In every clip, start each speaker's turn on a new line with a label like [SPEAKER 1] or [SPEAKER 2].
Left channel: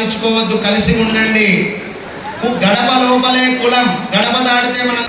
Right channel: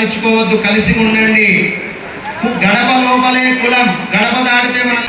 [SPEAKER 1] రానిచ్చుకోవద్దు కలిసి ఉండండి. గడప లోపలే కులం గడప దాటితే మనం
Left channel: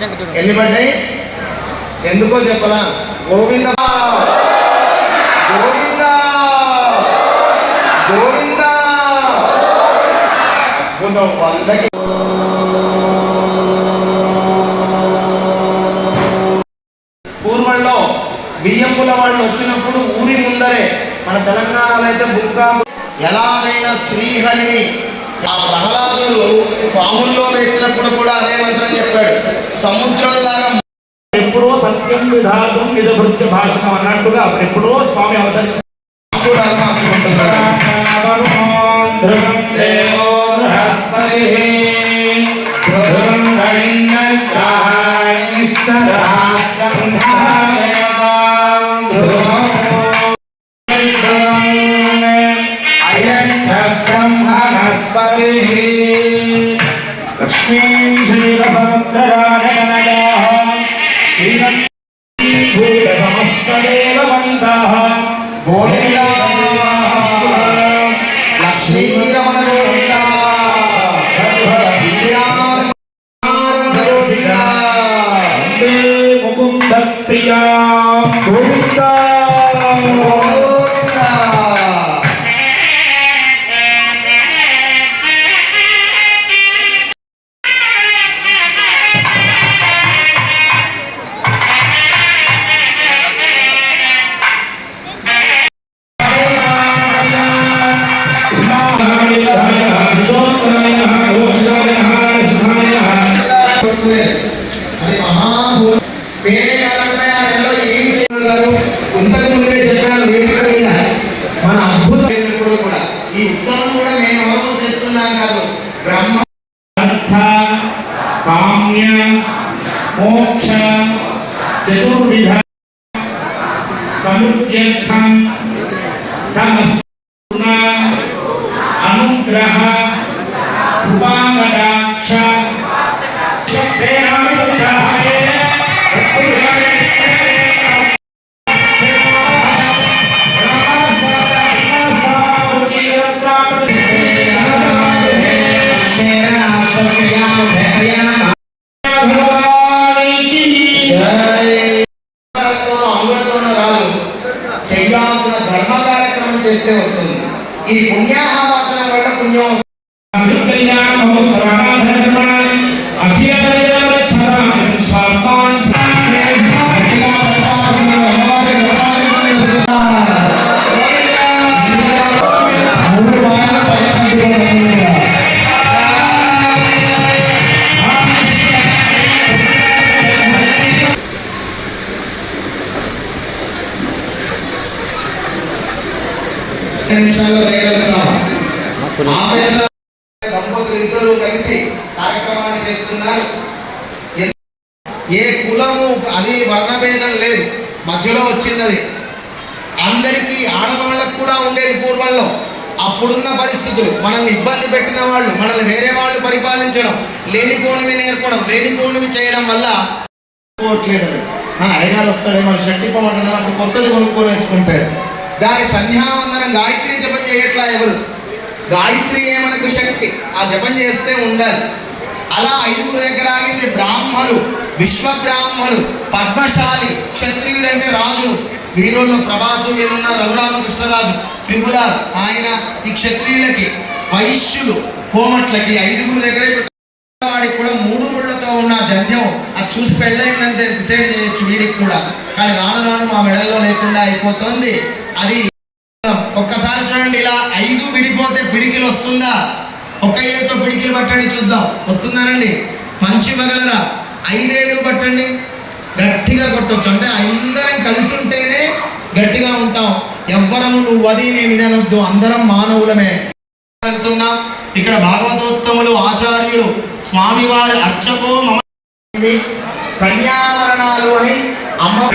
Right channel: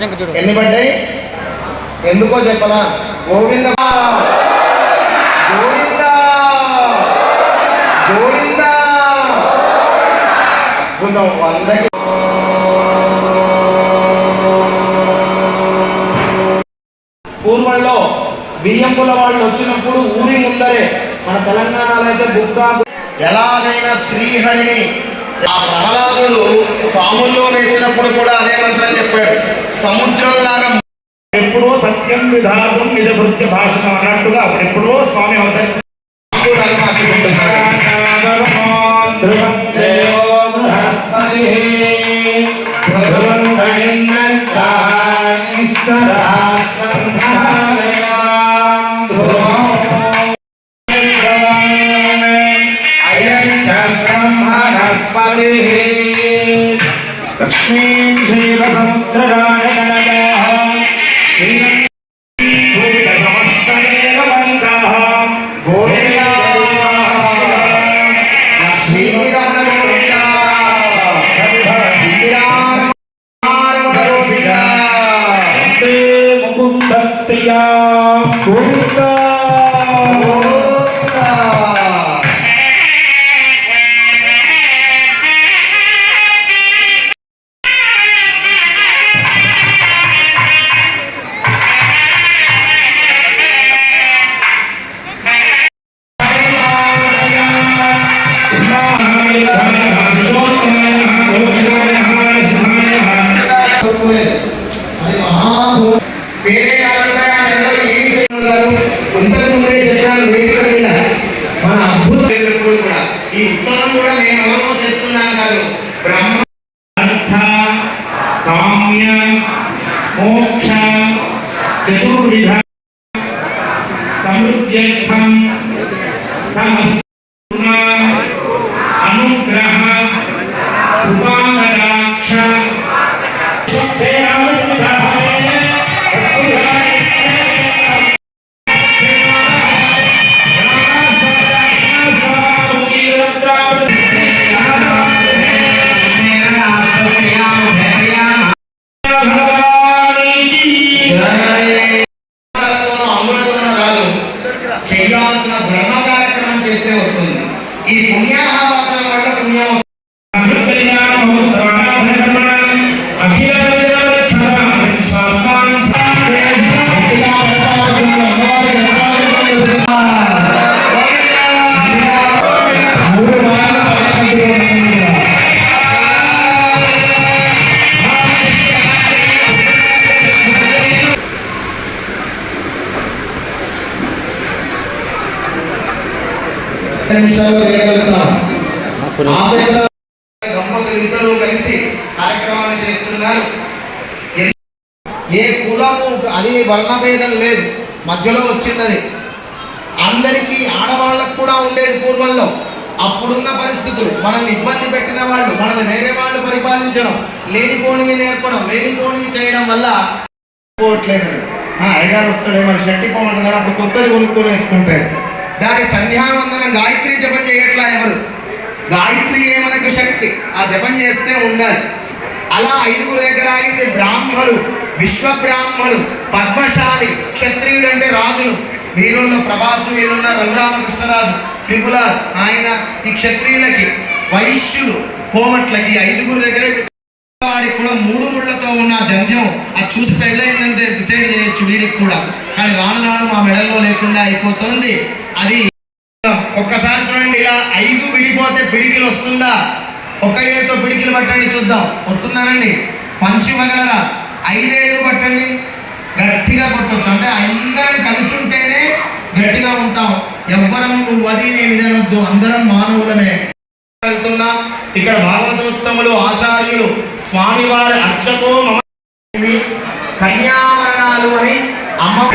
[SPEAKER 1] ఎన్ని పడ్డాయి? ఎందుకో చెప్పనా? గోవింద. గోవింద. గోవింద. అద్భుతం పూర్వంలో బియ్యంపుల వాళ్ళు వచ్చినప్పుడు ఊరి ముందరే మన తెలంగాణలో అయితే బుక్క ఎలాగైనా శ్రీహరిని ఆ ప్రహ్లాదుడు పాముల్లో వేసినప్పుడు కూడా అదే మంత్రం చెప్పాడు. సముద్రంలాగా
[SPEAKER 2] ఎప్పుడో సత్యం విధాతం నిజ భృత్య భాషణం అన్నట్టుగా అప్పుడు ఎప్పుడో స్వామి అవతరి
[SPEAKER 1] మాకు ధర్మం అచ్చుకుంటున్నాడు
[SPEAKER 2] లక్ష్మీం క్షీరసముద్రరాజకనదాః
[SPEAKER 1] ముందే వేదిక మీద మన అద్భుత కూడా. ఈ ఉత్సవం కూడా మేము ఎవరో చేస్తున్నాం కాదు. బ్రహ్మ
[SPEAKER 2] కామ్య మోక్ష చతుర్విధ సమృద్ధ్యర్థం సమస్త అనుగ్రహ
[SPEAKER 1] నిమిషాల్లో చేయగలుగుతున్నాం. ఇద్దరు కలిసి కార్యక్రమాన్ని చేస్తున్నారు. ఏ కులము అది వర్ణభేదం లేదు. మధ్యలో వచ్చింది అది. అందరికీ ఆడవాళ్ళకు కూడా ఉండేది పూర్వంలో. అప్పుడున్న పరిస్థితులు మనల్ని ఇబ్బంది పెట్టిన వాళ్ళు మనల్ని వేరే వాళ్ళు పరిపాలించడం లేనిపోనివి నేర్పడం లేనిపోనివి చేయడం వల్ల పోవట్లేదు ఆ, అయ్యగారు వస్తాడే మరి షట్టి పోమంటున్నారు అప్పుడు కొత్తది కొనుక్కొని వేసుకుంటాడు. దాని సంధ్యావందనం గాయత్రి జపం చేయట్లా ఎవరు? గాయత్రి మనకు శక్తి? ఆ జపం చేస్తే ఉండాలి. అలా ఐదుగురు దగ్గర ఆగింది బ్రాహ్మలు విశ్వ బ్రాహ్మలు పద్మశాలి క్షత్రియుడు అంటే రాజులు. వీరుల్లో ప్రభాసు వీళ్ళున్న రఘురామకృష్ణరాజు త్రిపుల ఆయన ఈ క్షత్రియులకి వైశ్యులు కోమట్లకి ఐదుగురు దగ్గర వాడికి కూడా మూడు ముళ్ళతో ఉన్న జంధ్యం అది చూసి పెళ్ళయిందంటే డిసైడ్ చేయొచ్చు వీడికి కూడా. కానీ రాను రాను మా మెడల్లో లేకుండా అయిపోతుంది. అది ఒక్కసారి చూడండి ఇలా ఐదు విడిపోతే పిడికిలు వస్తుందా? ఒక ఏళ్ళతో పిడికిలు పట్టండి చూద్దాం. వస్తుందానండి పంచి వగలరా? ఐదేళ్ళు పట్టండి. గట్టిగా కొట్టచ్చు. అంటే అందరం కలిసి ఉంటేనే గట్టిగా ఉంటాం. ఎవ్వరము నువ్వు అది నేను ఇదనొద్దు అందరం మానవులమే. వెళ్తున్నాం. ఇక్కడ భాగవతోత్తములు ఆచార్యులు స్వామివారి అర్చకో మమ కన్యావరణాలు అని అమ్మ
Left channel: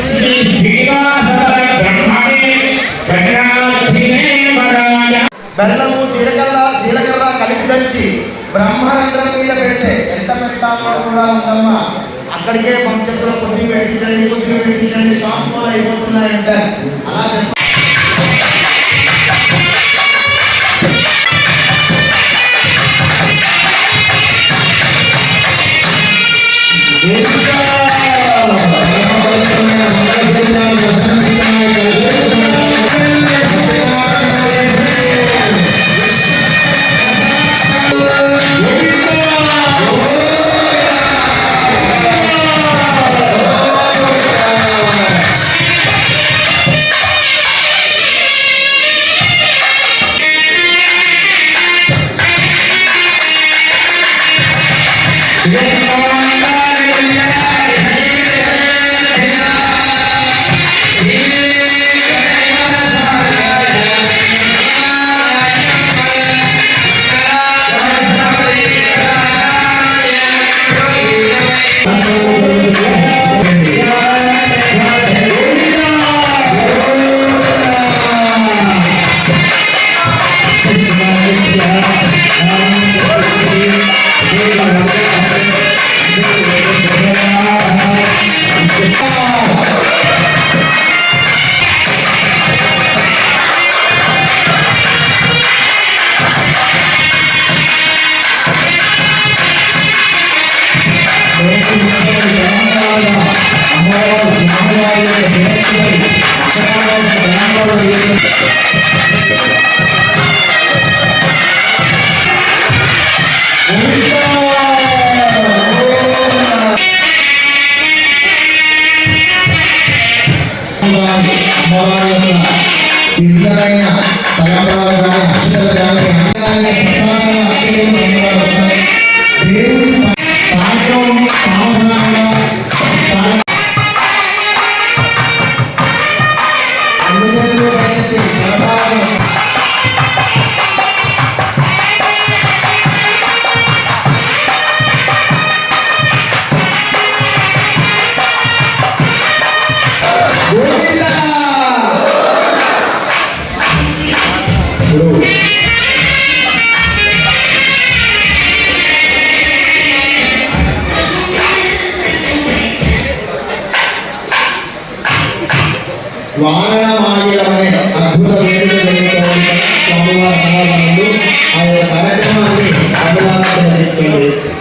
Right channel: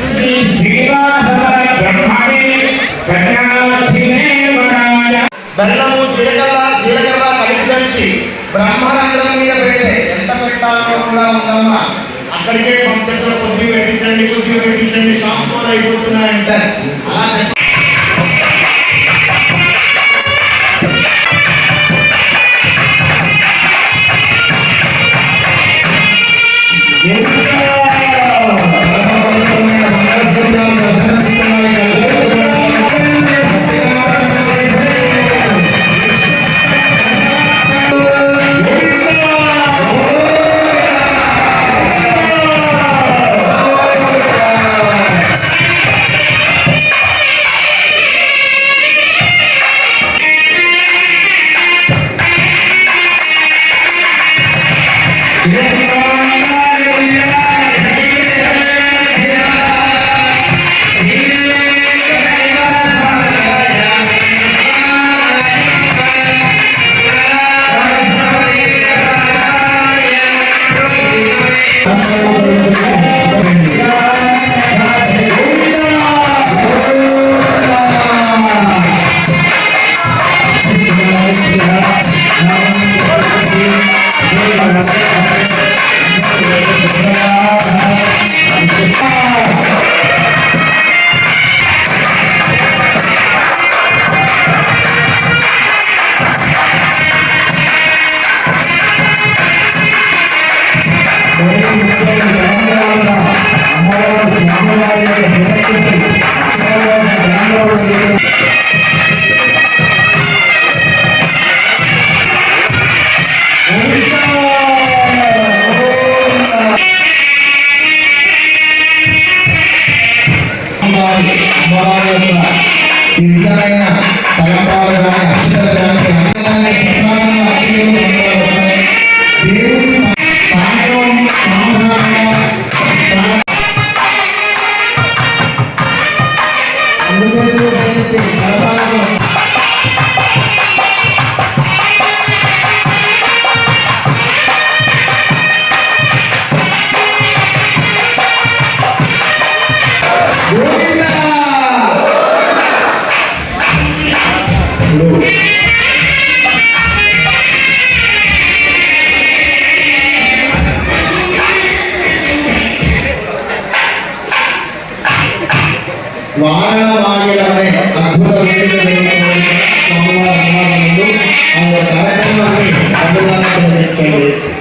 [SPEAKER 2] శ్రీ
[SPEAKER 1] కలిపి తెచ్చి మీద పెడితే ఎంత పెట్టాలో ఉందమ్మా అక్కడికే పంచట్లో కొద్ది పెట్టించండి కొద్ది పెట్టించండి షాంపూలు అయిపోతున్నాయంట అలా జరిగిన స్వామివారి సమాధానంలో ఆ కార్యక్రమాన్ని అన్నదానం నిర్వహించండి